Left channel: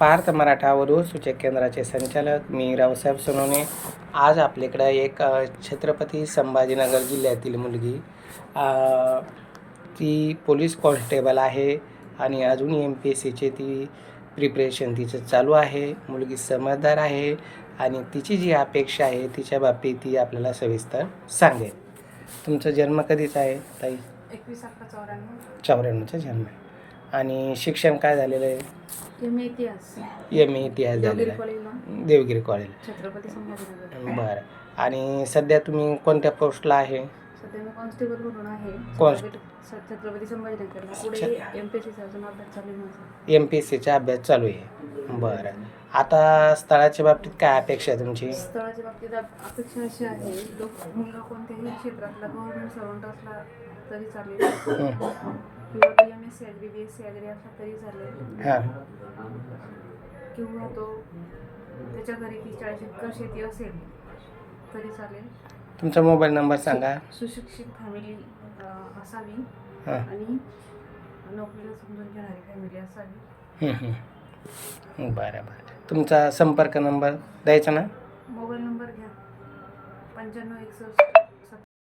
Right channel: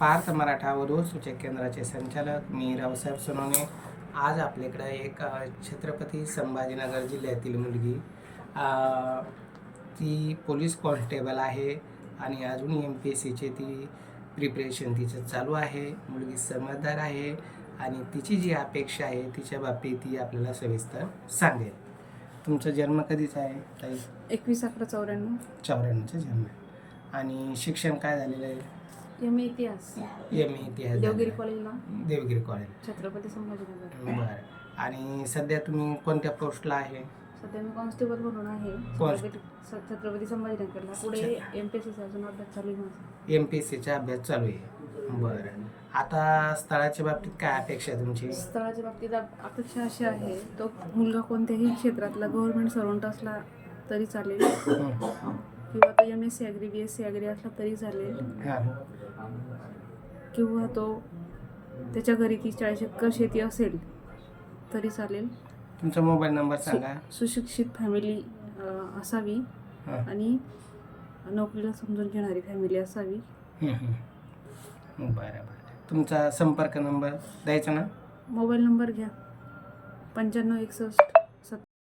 पार्थ मराठा वधू सूचक केंद्राचे संचालक मी रावसाहेब सोनवणे. आज आपल्याकडं एक छत्रपती संभाजीनगर जिल्ह्यातील मुलगी ती पोलीस कॉन्स्टेबल आहे आणि अजून MPSCचे ती प्रिपरेशन तिचं चालू आहे. मुलगी समजदार आहे आणि तिची जी अपेक्षा आहे तिच्या बाबतीत ती आपल्याला सविस्तर सांगेल. तुमचा जन्म कधीचा आहे ताई? 21/11/94. जन्म आहे. आणि शिक्षण काय झालेलं आहे? MA इतिहास. MA इतिहास देवगिरी झालेला कॉलेजला, आहे. देवगिरी कॉलेज. छत्रपती संभाजीनगर. बरं. आणि सध्या तुम्ही कोणत्या पोस्टला आहे? सध्या मी कॉन्स्टेबल म्हणून आहे छत्रपती संभाजीनगरला. पुढे MPSCचा अजून अभ्यास चालू आहे माझा. MPSCचा अभ्यास चालू आहे. बरं. आता स्थळाच्या बाबतीत काय अपेक्षा आहे तुमची? स्थळाच्या बाबतीत अपेक्षा अशी आहे, तो मुलगा कोणत्याही क्षेत्रातला गव्हर्नमेंट सर्वंट असला तरी चालेल, किंवा तो MSc ॲग्री BSc ॲग्री असला तरी चालेल, हां. किंवा तो त्याच्या घरी 30-40 एकर शेती असेल तरी चालेल. तुमचा मोबाईल नंबर सांगा. सुशिक्षित फॅमिली असावी हां. आणि नोकरीला समजून घेणारी फॅमिली असावी. बरं बरं. तुमचा संपर्क नंबर द्यायचा ना? मोबाईल नंबर घ्या 9561